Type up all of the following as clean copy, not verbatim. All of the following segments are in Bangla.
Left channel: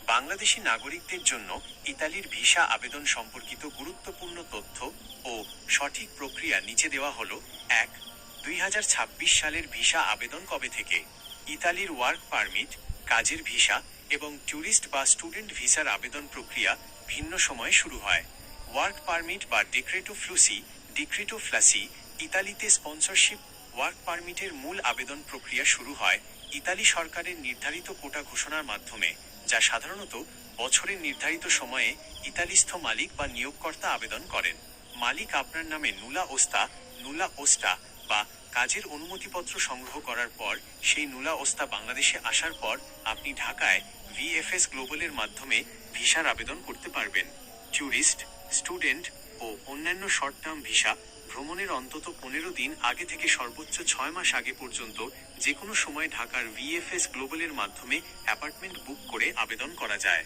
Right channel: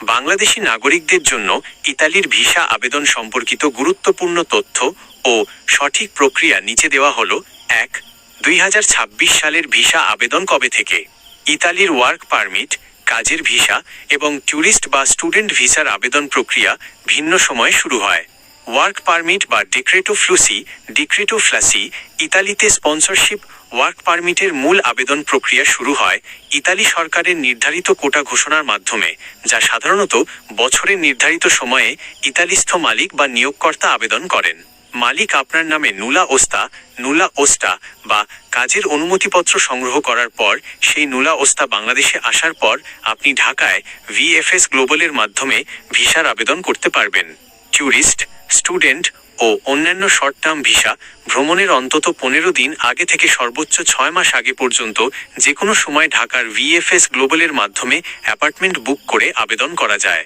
বাংলাদেশী নাগরিকদের জন্য ইতালির ভিসা আবেদন সম্পর্কিত গুরুত্বপূর্ণ তথ্য ও সঠিক প্রক্রিয়া নিচে দেওয়া হলো। ১. ২০২৬ সালের ভিসা আবেদন কবে থেকে? ইতালির ওয়ার্ক পারমিট, কাজের ভিসা এবং ট্যুরিস্ট বা স্টুডেন্ট ভিসার আবেদন প্রক্রিয়া ভিন্ন সময়ে শুরু হয়। ওয়ার্ক পারমিট বা ডিক্রেটো ফ্লাসি ইতালিতে স্পন্সরশিপ ওয়ার্ক পারমিটের মূল আবেদন প্রক্রিয়া শুরু হয় ইতালি সরকারের নির্ধারিত কোটা ঘোষণার মাধ্যমে, যা সাধারণত বছরের নির্ধারিত সময়ে ইতালিস্থ মালিক বা নিয়োগকর্তা আবেদন করেন। মালিক আপনার নামে নুলা ওস্টা বা কাজের অনুমতিপত্র সংগ্রহ করার পর সেই নুলা ওস্তা বাংলাদেশে আসার পর আপনি ঢাকায় ভিএফএস গ্লোবালের মাধ্যমে ভিসার আবেদন করতে পারবেন। ট্যুরিস্ট, স্টুডেন্ট ও অন্যান্য শর্ট টার্ম ভিসা ভ্রমণের অন্তত 15 দিন আগে থেকে সর্বোচ্চ 6 মাস আগে পর্যন্ত যে কোনো সময় ঢাকার ভিএফএস গ্লোবালের মাধ্যমে অ্যাপার্টমেন্ট বুক করে আবেদন করা যায়।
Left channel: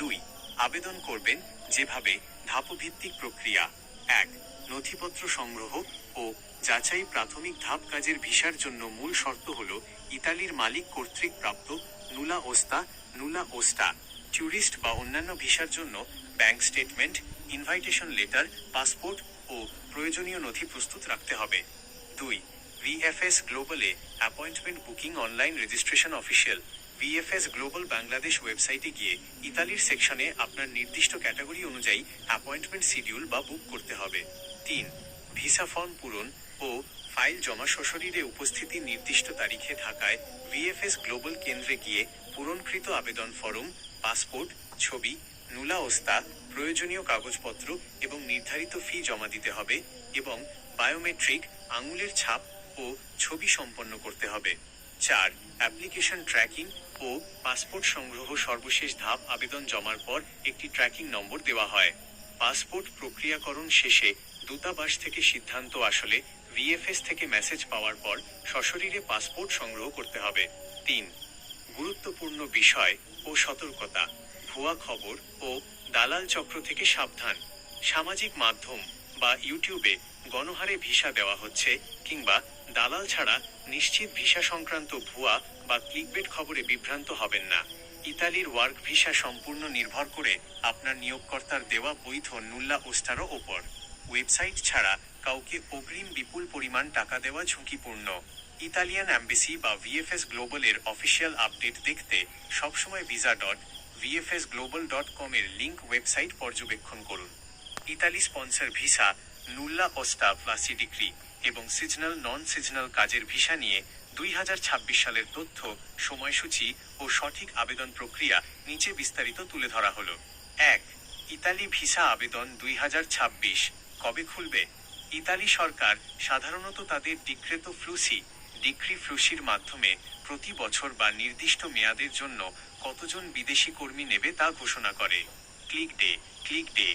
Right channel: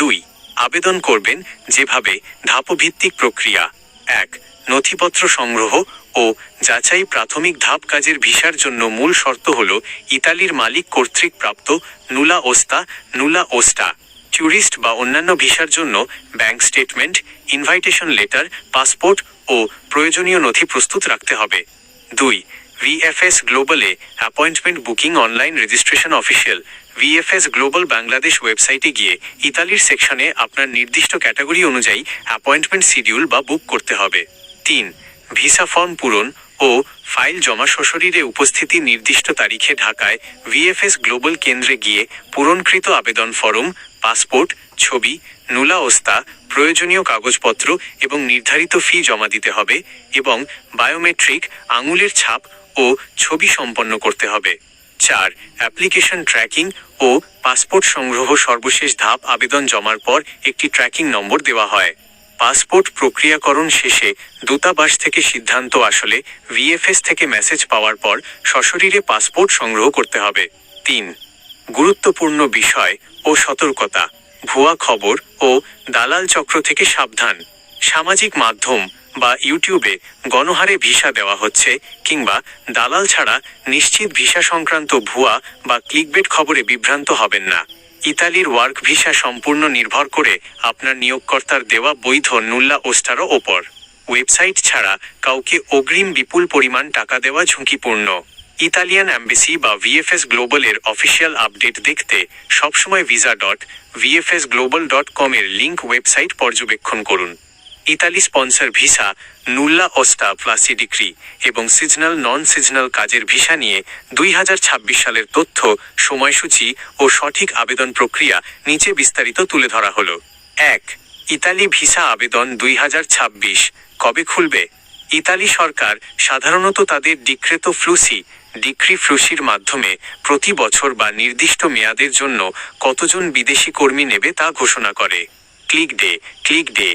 2. আবেদন করবেন যেভাবে। ধাপভিত্তিক প্রক্রিয়া। 1. নথিপত্র সংগ্রহ ও যাচাই। প্রাথমিক ধাপ। কাজের ভিসার জন্য মূল শর্ত হল ইতালির মালিক কর্তৃক প্রাপ্ত নুলা ওস্টা। ট্যুরিস্ট বা অন্যান্য ভিসার জন্য bank statement, invitation letter, passport ও প্রয়োজনীয় নথি প্রস্তুত রাখতে হবে। 2. ভিএফএস গ্লোবালে appointment booking. Online registration. Official VFS Global Bangladesh ওয়েবসাইটে গিয়ে ইতালির সেকশনে আপনার নির্দিষ্ট ক্যাটাগরি অনুযায়ী অ্যাপয়েন্টমেন্ট শিডিউল বা বুক করতে হবে। 3. ভিসা ফর্ম পূরণ ও ফাইল জমা। সশরীরে উপস্থিতি। নির্দিষ্ট তারিখে ঢাকায় ভিএফএস গ্লোবাল কেন্দ্রে গিয়ে পূরণকৃত আবেদন ফরম, পাসপোর্ট, ছবি, নুলা ওস্তা, প্রয়োজনীয় কাগজপত্র এবং নির্ধারিত ফি জমা দিতে হবে এবং বায়োমেট্রিক আঙুলের ছাপ ও ছবি সম্পন্ন করতে হবে। 4. অ্যাপ্লিকেশন ট্র্যাকিং ও পাসপোর্ট সংগ্রহ। সর্বশেষ ধাপ। আবেদন জমার পর একটি ট্র্যাকিং নম্বর দেওয়া হয়। পাসপোর্ট প্রক্রিয়াকরণ শেষে দূতাবাস থেকে সিদ্ধান্ত আসলে ভিএফএস থেকে মেসেজ পাওয়ার পর সশরীরে পাসপোর্ট সংগ্রহ করতে হবে। 3. গুরুত্বপূর্ণ বিষয় ও সতর্কতা। ভুয়া খবর ও দালাল চক্র থেকে সাবধান। সামাজিক মাধ্যম বা ইউটিউবে গণহারে ভিসা দেওয়া হচ্ছে কিংবা দালাল ছাড়া নিশ্চিত ভিসা সংক্রান্ত ভুয়া বা ক্লিকবেট খবরে বিভ্রান্ত হবেন না। ইতালির ওয়ার্ক ভিসা সম্পূর্ণ নির্ভর করে আপনার নিয়োগকর্তার দেওয়া বৈধ নুল্লা ওস্টারও ওপর। ওয়েবসাইট ছাড়া কাউকে অগ্রিম বিপুল পরিমাণ টাকা দেওয়া ঝুঁকিপূর্ণ। ইতালিয়ান অ্যাম্বাসি বা ভিএফএস গ্লোবালের অফিসিয়াল আপডেট দেখতে সবসময় visa.vfsglobal.com এর লিঙ্ক ওয়েবসাইট পর্যবেক্ষণ করুন। ইতালি স্পন্সর ভিসা, নুল্লা ওস্টা ফ্লাসি ডিক্রি এবং নন সিজনাল কাজের ভিসা নিয়ে 2026 সালের তথ্য, সময়সূচি ও সঠিক আবেদন প্রক্রিয়া নিচে বিস্তারিত তুলে ধরা হলো। 1. ইতালি ভিসা আবেদন 2026 কবে খুলবে? ইতালি সরকার সাধারণত তাদের ডিক্রি ফ্লুসির মাধ্যমে প্রতি বছর বা নির্দিষ্ট মেয়াদের জন্য কতজন বিদেশি কর্মী নেবে তা ঘোষণা করে। ক্লিক ডে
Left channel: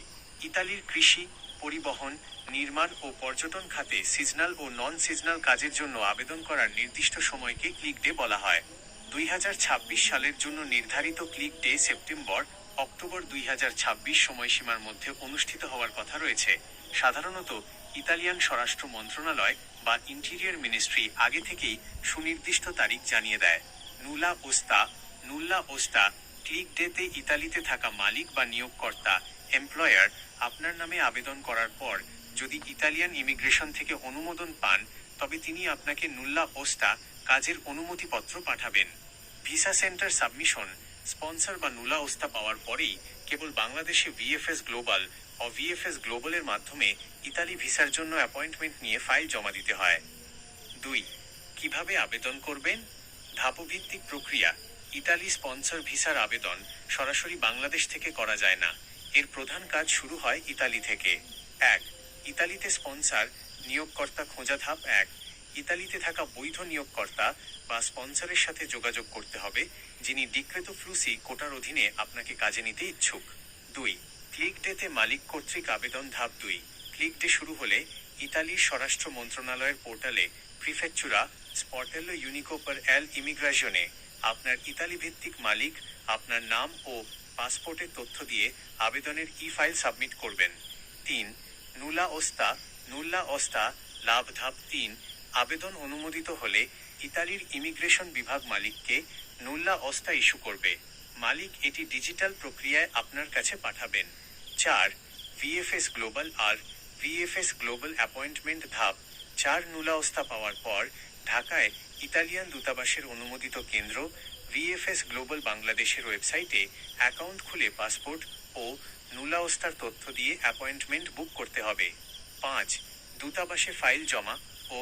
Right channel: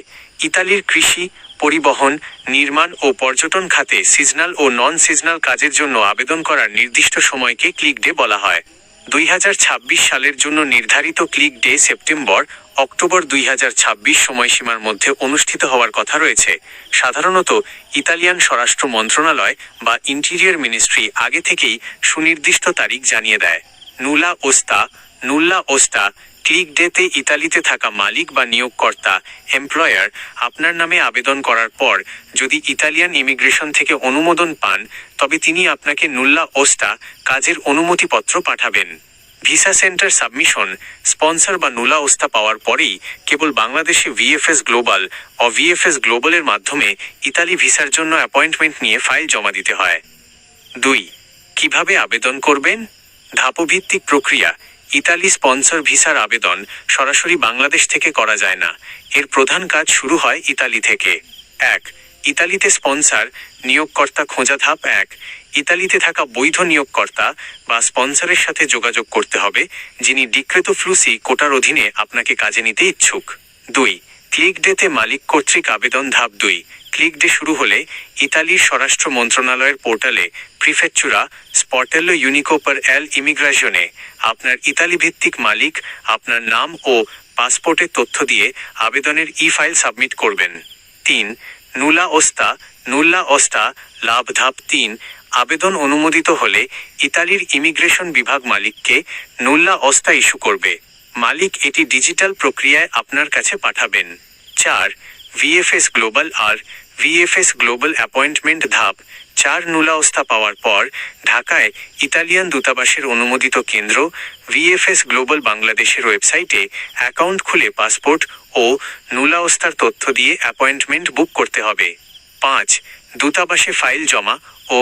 ইতালির কৃষি, পরিবহন, নির্মাণ ও পর্যটন খাতে সিজনাল ও নন সিজনাল কাজের জন্য আবেদন করার নির্দিষ্ট সময়কে ক্লিক ডে বলা হয়। 2026 সালের জন্য নির্ধারিত ক্লিক ডে সেপ্টেম্বর-অক্টোবর 2026 সময়সীমার মধ্যে অনুষ্ঠিত হওয়ার কথা রয়েছে। সাধারণত ইতালিয়ান স্বরাষ্ট্র মন্ত্রণালয় বা ইন্টিরিয়র মিনিস্ট্রি আগে থেকেই সুনির্দিষ্ট তারিখ জানিয়ে দেয়। নুল্লা ওস্টা ক্লিক ডেতে ইতালিতে থাকা মালিক বা নিয়োগকর্তা এমপ্লয়ার আপনার নামে আবেদন করার পর যদি ইতালিয়ান ইমিগ্রেশন থেকে অনুমোদন পান, তবে তিনি আপনাকে নুল্লা ওস্টা কাজের অনুমতিপত্র পাঠাবেন। Visa centre submission. স্পন্সর বা নুলা ওস্তা পাওয়ার পরেই কেবল বাংলাদেশে ভিএফএস গ্লোবালের মাধ্যমে ইতালি ভিসার জন্য অ্যাপয়েন্টমেন্ট নিয়ে ফাইল জমা দিতে হয়। 2. কিভাবে আবেদন করবেন? ধাপভিত্তিক প্রক্রিয়া। ইতালি স্পন্সর ভিসার আবেদন সরাসরি বাংলাদেশ থেকে করা যায় না। এর প্রধান কাজ শুরু হয় ইতালি থেকে। 1. ইতালিতে স্পন্সর নিয়োগকর্তা খোঁজা। ধাপ 1. ইতালিতে থাকা বৈধ নিয়োগকর্তা বা স্পন্সরের সাথে যোগাযোগ করতে হবে, যিনি ডিক্রেতো ফ্লুসি কোটার অধীনে আপনাকে কাজে নিতে ইচ্ছুক। 2. ক্লিক ডেতে মালিক কর্তৃক আবেদন। ধাপ 2. ক্লিক ডে শুরু হলে ইতালির স্বরাষ্ট্র মন্ত্রণালয়ের পোর্টালে প্রিফেকচুরা স্পর্টেলো ইউনিকো পার এল ইমিগ্রাশনে আপনার ইতালি ভিত্তিক মালিক আপনার নাম ও পাসপোর্টের তথ্য দিয়ে আবেদনের ফাইল সাবমিট করবেন। 3. নুল্লা ওস্টা লাভ। ধাপ 3. আবেদন অনুমোদিত হলে ইতালির ইমিগ্রেশন বিভাগ মালিককে নুল্লা ওস্তা ইস্যু করবে। মালিক এটি ডিজিটাল প্রক্রিয়ায় আপনার কাছে পাঠাবেন। 4. ভিএফএস গ্লোবাল আর ভিএফএস গ্লোবাল অ্যাপয়েন্টমেন্ট ধাপ 4 নুলাওস্তা পাওয়ার পর ঢাকায় ইতালিয়ান দূতাবাসের অনুমোদিত কেন্দ্র ভিএফএস গ্লোবাল বাংলাদেশের ওয়েবসাইটে অ্যাকাউন্ট খুলে পাসপোর্ট ও নুলাওস্তার তথ্য দিয়ে অ্যাপয়েন্টমেন্ট বুক করতে হবে। 5. দূতাবাসে ফাইল জমা ও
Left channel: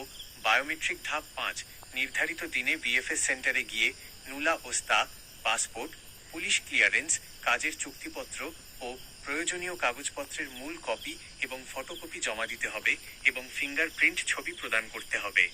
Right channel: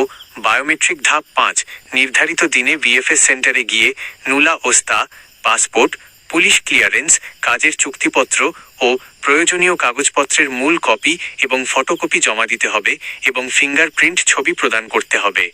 বায়োমেট্রিক ধাপ 5 নির্ধারিত দিনে ভিএফএস সেন্টারে গিয়ে নুলা ওস্তা, পাসপোর্ট, পুলিশ ক্লিয়ারেন্স, কাজের চুক্তিপত্র ও প্রয়োজনীয় কাগজপত্রের মূল কপি এবং ফটোকপি জমা দিতে হবে এবং ফিঙ্গারপ্রিন্ট ছবি প্রদান করতে হবে।